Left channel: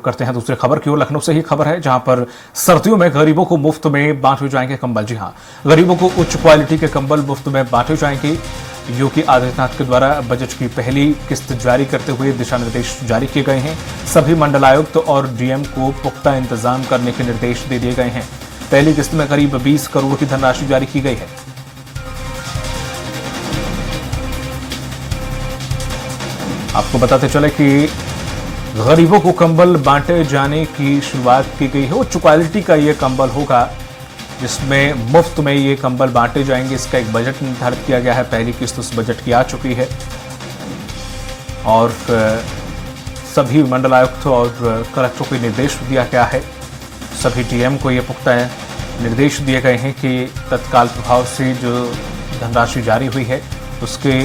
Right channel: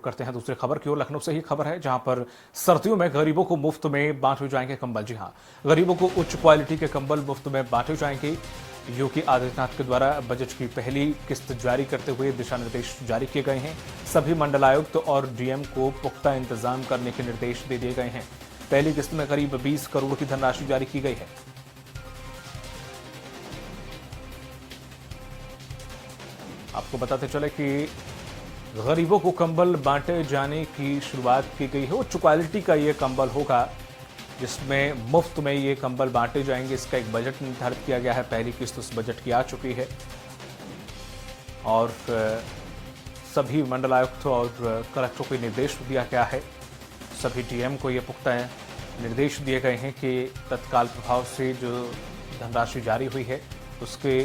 करते हैं दूसरी खबर की ओर। लखनऊ से ही खबर है जहां पर सर्दियों में गरीबों को मुफ्त में बांटे जाएंगे कंबल। जी हां, गरीबों को उच्च क्वालिटी के कंबल मुफ्त में बांटे जाएंगे। योगी आदित्यनाथ के द्वारा बजट की पहली किस्त जारी करते हुए दिशा निर्देश जारी किए गए हैं। सभी मंडलायुक्त और डीएम को पुख्ता इंतजाम करने के निर्देश दे दिए गए हैं। पहली किस्त में करीब 20 करोड़ की धनराशि जारी की गई है। आपको बताते चले कि गरीबों को कंबल बांटे जाने की शुरुआत की गई है। उच्च क्वालिटी का ये कंबल होगा जिसमें मुफ्त में ये कंबल बांटे जाएंगे। इसका एक बजट निर्धारित किया गया है। पहली किस्त उस बजट की आ चुकी है और सभी मंडलायुक्त और कलेक्टरों को निर्देश दिया गया है। सभी डीएम को ये पुख्ता निर्देश दिए गए हैं कि तत्काल प्रभाव से जो धनराशि जारी हुई है उसके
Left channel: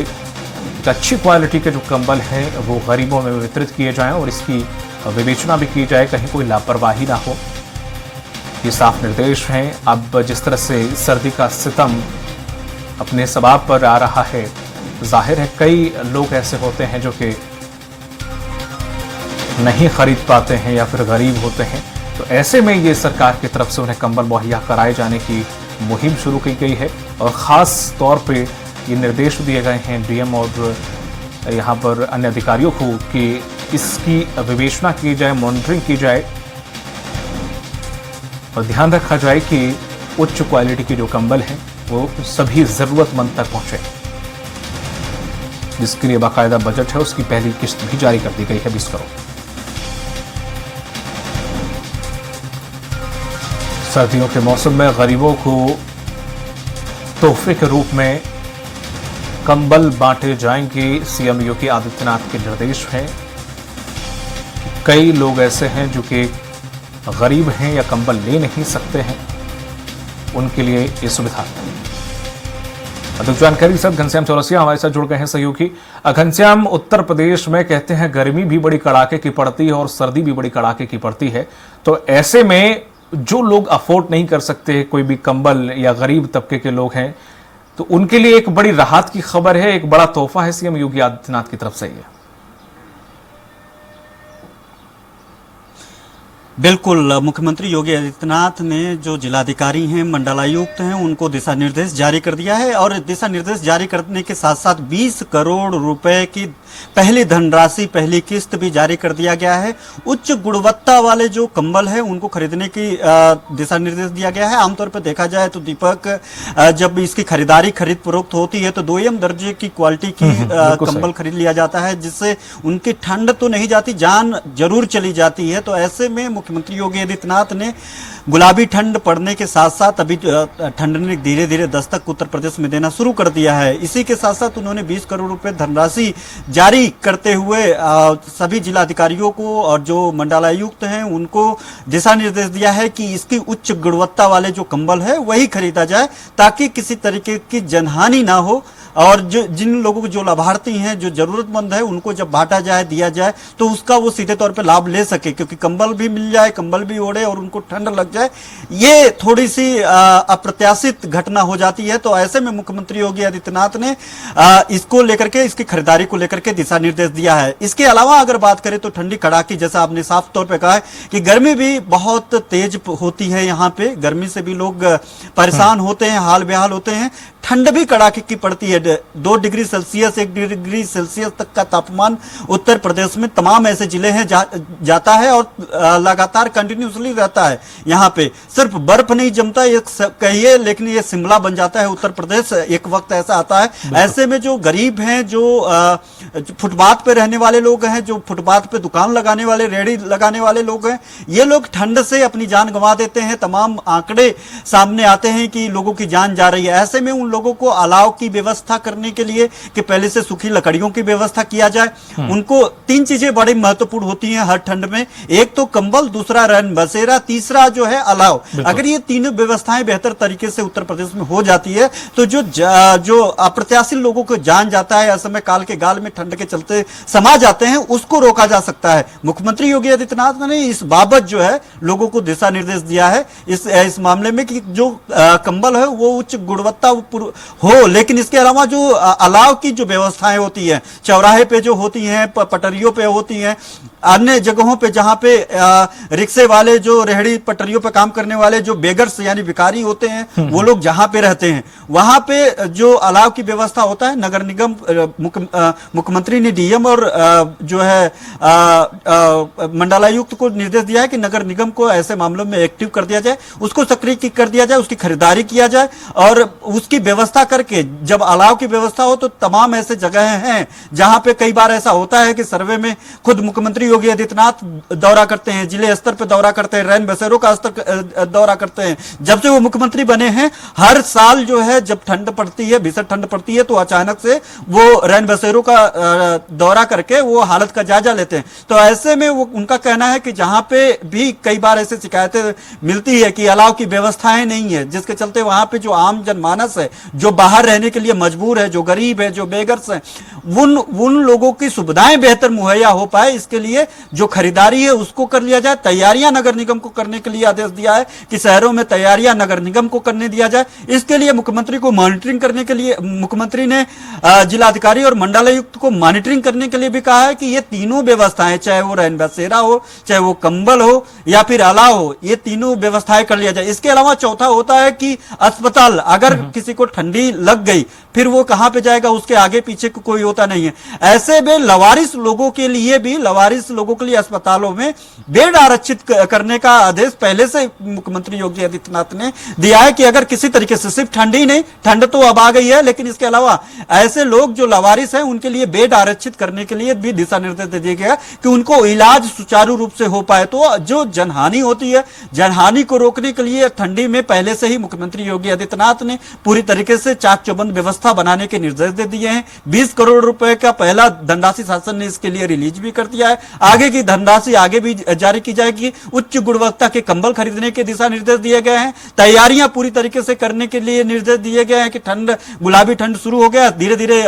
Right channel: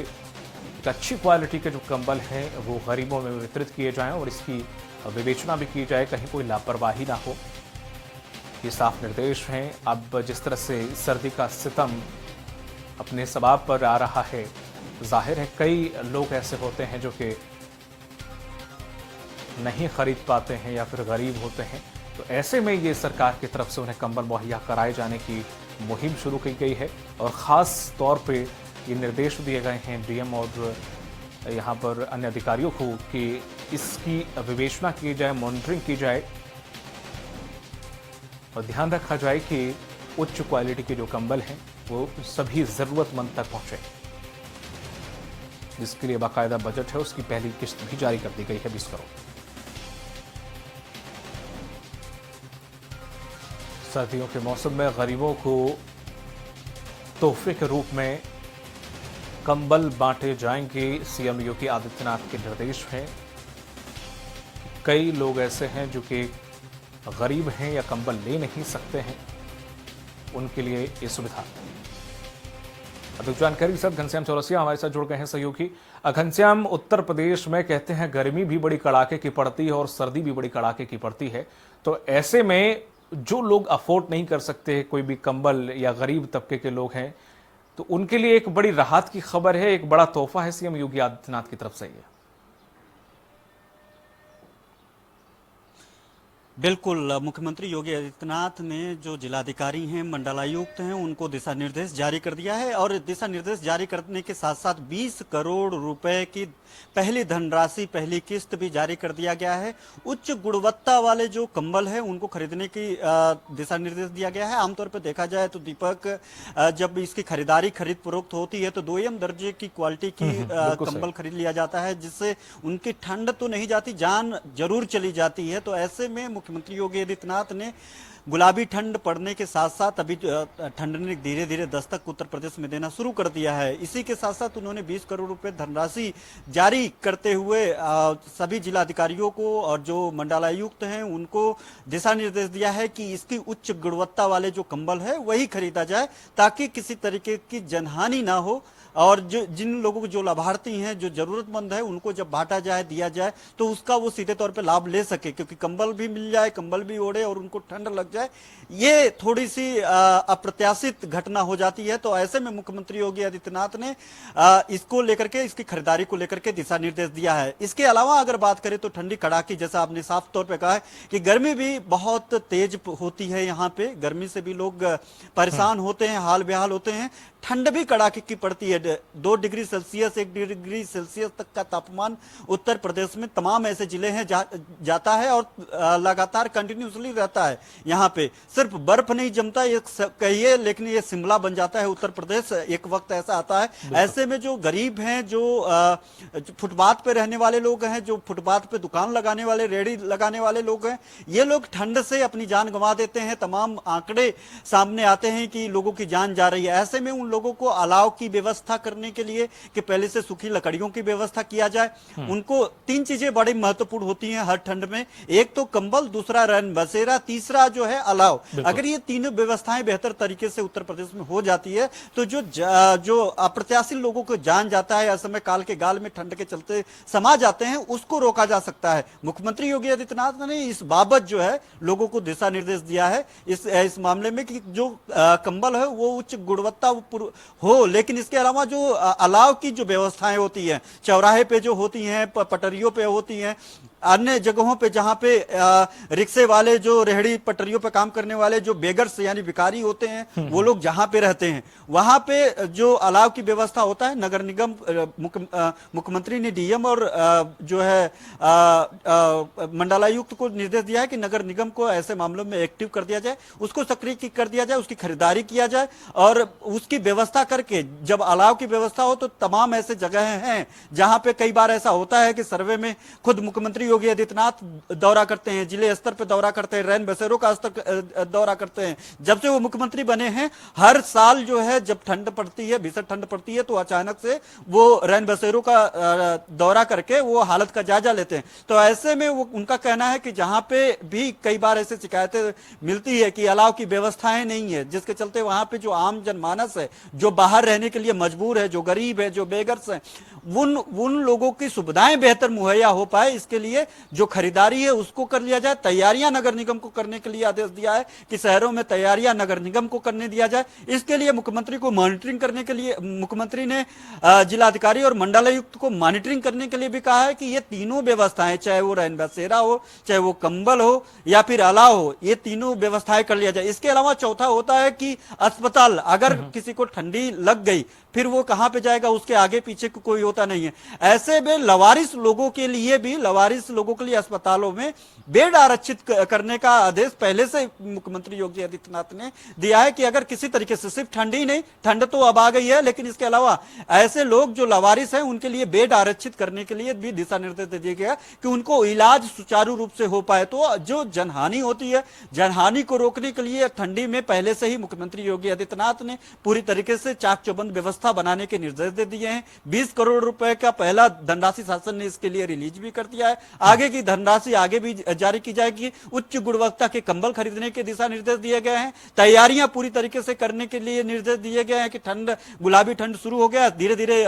अच्छी क्वालिटी के जो कंबल हैं वो गरीबों में वितरित किए जाएं और इसकी विवेचना भी की जाए, कहीं कोई लापरवाही ना हो। ये साफ निर्देश हैं। अब जिस तरह से सर्दी का सितम अपने सबाब पर आ रहा है, जाहिर है कई लोग ऐसे होते हैं जो कि नहीं खरीद पाते हैं या फिर गरीब होते हैं, तो ऐसे में ये सरकार की तरफ से उन्हें कंबल मुहैया कराए जाने की मुहिम शुरू की गई है और ख़ास तौर पे ये निर्देश दिए गए हैं डीएम और यहाँ पर अन्य अधिकारियों को कि इसकी विवेचना की जाए, मॉनिटरिंग की जाए और ध्यान रखा जाए कि उच्च क्वालिटी के जो कंबल हैं वो सभी जरूरतमंद तक पहुंचे। जिसके लिए बाकायदा बजट है, उसकी पहली किस्त भी जारी कर दी गई है 20 करोड़। सर्दियों के मौसम में गरीबों को तोहफे के रूप में कंबल बांटे जाएंगे। सीएम योगी आदित्यनाथ के निर्देश हैं। कई लोग ऐसे हैं जो कि गरीब हैं या कंबल ले नहीं सकते हैं, उनके लिए ये सुविधा। अधिक जानकारी से घनश्याम चौरसिया हमारे साथ जुड़ गए हैं सहयोगी। घनश्याम, उत्तर प्रदेश में कहते हैं गर्मी भी बड़ी कड़ाके की पड़ती है और सर्दी भी बड़ी कड़ाके की पड़ती है, तो ऐसे में जो लोग अफोर्ड नहीं कर सकते, कोई भी कंबल या गरीब तबके के लोग हैं, तो उनके लिए एक बड़ी राहत की खबर है, एक बड़ा तोहफा है सीएम योगी आदित्यनाथ की तरफ से। ये बिल्कुल, मुख्यमंत्री योगी आदित्यनाथ ने जो जिलाधिकारी हैं, मंडलायुक्त हैं, उनको दिशा निर्देश जारी कर दिया है और दिशा निर्देश जारी करने के साथ साथ 20 करोड़ रुपए की पहली धनराशि, पहली किस्त भी जारी कर दिया गया है। उच्च गुणवत्ता वाले जो कंबल है उनको खरीदने की दिशा निर्देश दिया गया है। आमतौर पर देखा जाए तो दीपक, जब इसकी खरीद फरोख्त होती है तो दोयम दर्जे की क्वालिटी की कंबल खरीद लिया जाता है, जिससे उनकी ठंड तो नहीं जाती, जान जरूर चली जाती है। तो ऐसे में मुख्यमंत्री योगी आदित्यनाथ ने गुलाबी ठंड पड़ने के साथ साथ अभी ठंड ने धीरे धीरे दस्तक उत्तर प्रदेश में देना शुरू कर दिया है। इसी के साथ साथ उन्होंने 20 करोड़ रुपए धनराशि जारी करते हुए सभी जिलाधिकारियों को और जो मंडलायुक्त हैं उनको दिशा निर्देश दिया है कि इसकी उच्च गुणवत्ता वाले जो कंबल है वही खरीदा जाए, ताकि किसी तरीके की जनहानि ना हो और जो जिन लोगों को, जो लाभार्थी हैं, जो जरूरतमंद है, उनको जब बांटा जाए, दिया जाए, तो उसका वो सीधे तौर पे लाभ ले सके, क्योंकि कंबल भी मिल जाए, कंबल भी ओढ़े और उनको ठंड लग जाए, ये थोड़ी सी अप्रत्याशित घटना हो जाती है। तो ऐसे में मुख्यमंत्री योगी आदित्यनाथ ने इसको लेकर के, इसकी खरीदारी को लेकर के दिशा निर्देश दिया है। इसके अलावा अगर बात करें तो ठंडी कड़ाकी, जैसा आपने साफ तौर पे कहा है कि गर्मी भी बहुत तेज होती है यहाँ पे, गर्मी से भी लोग परेशान होते हैं, हाल बेहाल होते हैं। ठंड भी कड़ाके की पड़ती है। 2 डिग्री सेल्सियस, 1 डिग्री सेल्सियस तक का तापमान उत्तर प्रदेश में तमाम ऐसे जिले हैं जाता है और लगातार कंटिन्यूसली रहता है। यहाँ पे सिर्फ बर्फ नहीं जमता ये कहिए, लेकिन ये शिमला बन जाता है उत्तर प्रदेश, एक वक्त ऐसा आता है। ऐसे में जो गरीब हैं, जो फुटपाथ पे रहने वाले लोग हैं, जो फुटपाथ पे दुकान लगाने वाले, रेहड़ी लगाने वाले लोग हैं, ये लोग ठंड से अपनी जान गंवा देते हैं। तमाम आंकड़े सामने आते हैं कि लोगों की जान जा रही है। ऐसे में उन लोगों को अलाव की व्यवस्था करने के लिए कि पहले से सूखी लकड़ियों की व्यवस्था किया जाए। उनको 3 चीजें बड़ी महत्वपूर्ण होती हैं हर ठंड में। एक तो कंबल, दूसरा रैन बसेरा, तीसरा जो है अलाव। अगर ये तीनों व्यवस्थाएं बेहतर तरीके से उत्तर प्रदेश में हो जाती है तो जो अप्रत्याशित लोगों को जान जाता है, असमय काल के गाल में ठंड के चलते समा जाते हैं, उसको रोका जा सकता है। मुख्यमंत्री योगी आदित्यनाथ ने इस बाबत जो है लोगों को दिशा निर्देश दिया है इस मामले में कि जो कंबल है वो उच्च गुणवत्ता हो, लेकिन इसके अलावा जो अलाव की जो व्यवस्थाएं होती है, चौराहे पे जो होती हैं, पटरियों पे होती हैं, अन्य जगहों पे जहां पे रिक्शे वाले, जो रेहड़ी पटरियों पे काम करने वाले जो बेगर्स यानी भिखारी होते हैं, वो लोग जहां पे रहते हैं वहां पे जो अलाव की व्यवस्था होता है, नगर निगम मुख्यमंत्री ने डीएम और जो है मंडलायुक्त को निर्देश दिया है कि नगर निगम को ऐसे मामलों में एक्टिव कर दिया जाए, उसको सक्रिय कर दिया जाए, उसकी खरीदारी किया जाए और उसकी व्यवस्था करके जब अलाव की व्यवस्था हो तो तमाम ऐसे जगह हैं जहां पे कई बार ऐसा होता है कि सर्वे में खुद मुख्यमंत्री योगी आदित्यनाथ दौरा करते हैं, जिले स्तर पर दौरा करते हैं, रैन बसेरों का स्तर दौरा करते हैं। जब से वो मुख्यमंत्री बने हैं हर साल जो है जब ठंड पड़ती है, भीषण ठंड पड़ती है, तो अचानक से वो रैन बसेरों का दौरा करके वो हालत का जायजा लेते हैं। तो ऐसे में वो उनका कहना है कि जहां पे भी कई बार ऐसी शिकायतें मिलती है कि अलाव की व्यवस्थाएं नहीं है, जिसके चलते वहां पे जो आम जनमानस है, जो बाहर रहने के लिए मजबूर है, जो गरीब है, जो बेगर्स है, उन लोगों की सुविधाएं बेहतर मुहैया हो पाए, इसके लिए जो खरीदारी है उसको कर लिया जाए। तैयारियां नगर निगम को करने के लिए आदेश दिया है कि शहरों में तैयारियां नगर निगम को करने दिया जाए। इसके लिए मुख्यमंत्री को मॉनिटरिंग करने के लिए मुख्यमंत्री ने जिलाधिकारी और मंडलायुक्त को मॉनिटरिंग करने के लिए भी कहा है कि ये तीनों व्यवस्थाएं, चाहे वो रैन बसेरा हो, चाहे वो कंबल हो या फिर अलाव हो, ये तीनों व्यवस्थाएं कर लिया जाए। इसके अलावा चौथा होता है कि अस्पताल, अगर किसी को ठंडी लग गई फिर वो कहां पे जाएगा, उसके आगे पीछे कोई होता नहीं है। ऐसे में लवारिस लोगों के लिए अस्पतालों में बेड आरक्षित करने का आदेश पहले से मुख्यमंत्री योगी आदित्यनाथ ने दिया है कि अगर किसी तरीके से, सिर्फ ठंड ही नहीं, ठंड तो अब आ गई है, लेकिन इसके अलावा ऐसे लोग जो लवारिस हैं उनके लिए बेड आरक्षित करने के लिए भी दिशा निर्देश दे दिया गया कि उनको इलाज सुचारू रूप से हो पाए। तो जो जनहानि होती है, जनहानि को रोकने के लिए ठंडी में पहले से ही मुख्यमंत्री योगी आदित्यनाथ ने पूरी तरीके से चाक चौबंद व्यवस्था बनाने के निर्देश दे दिए हैं। 20 करोड़ रुपए का पहला धनराशि शासन ने इसके लिए रिलीज भी कर दिया है। आगे की धनराशि आगे भी जारी की जाएगी। उच्च गुणवत्ता के कंबल खरीदने के दिशा निर्देश दिए गए हैं। तैयारियां पूरी तरीके से करने के लिए निर्देश दिए गए हैं कि ठंड, गुलाबी ठंड शुरू हो गया, धीरे धीरे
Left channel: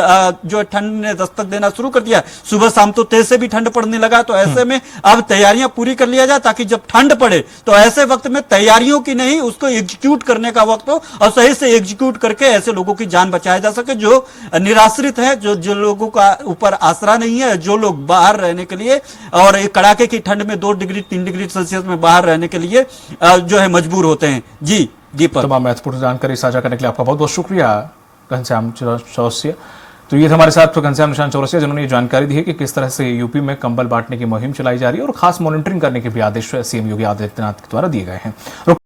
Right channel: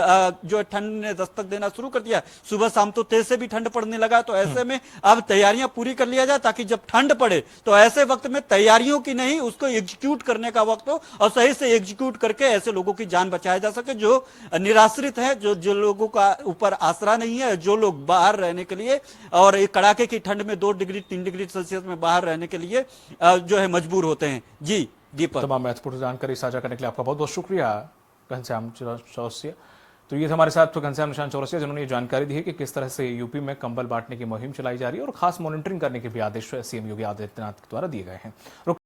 जो ठंड ने दस्तक देना शुरू कर दिया, सुबह शाम तो तेज से भी ठंड पड़ने लगा। तो ऐसे में अब तैयारियां पूरी कर लिया जाए ताकि जब ठंड पड़े तो ऐसे वक्त में तैयारियों की नहीं, उसको एग्जीक्यूट करने का वक्त हो और सही से एग्जीक्यूट करके ऐसे लोगों की जान बचाया जा सके जो निराश्रित है, जो लोगों का ऊपर आसरा नहीं है, जो लोग बाहर रहने के लिए और एक कड़ाके की ठंड में 2 डिग्री 3 डिग्री सेल्सियस में बाहर रहने के लिए जो है मजबूर होते हैं। जी दीपक, तमाम महत्वपूर्ण जानकारी साझा करने के लिए आपका बहुत बहुत शुक्रिया घनश्याम चौरसिया। तो ये हमारे साथ घनश्याम निशान चौरसिया जिन्होंने ये जानकारी दी है कि किस तरह से यूपी में कंबल बांटने की मुहिम चलाई जा रही है और खास मॉनिटरिंग करने के भी आदेश सीएम योगी आदित्यनाथ के द्वारा दिए गए हैं।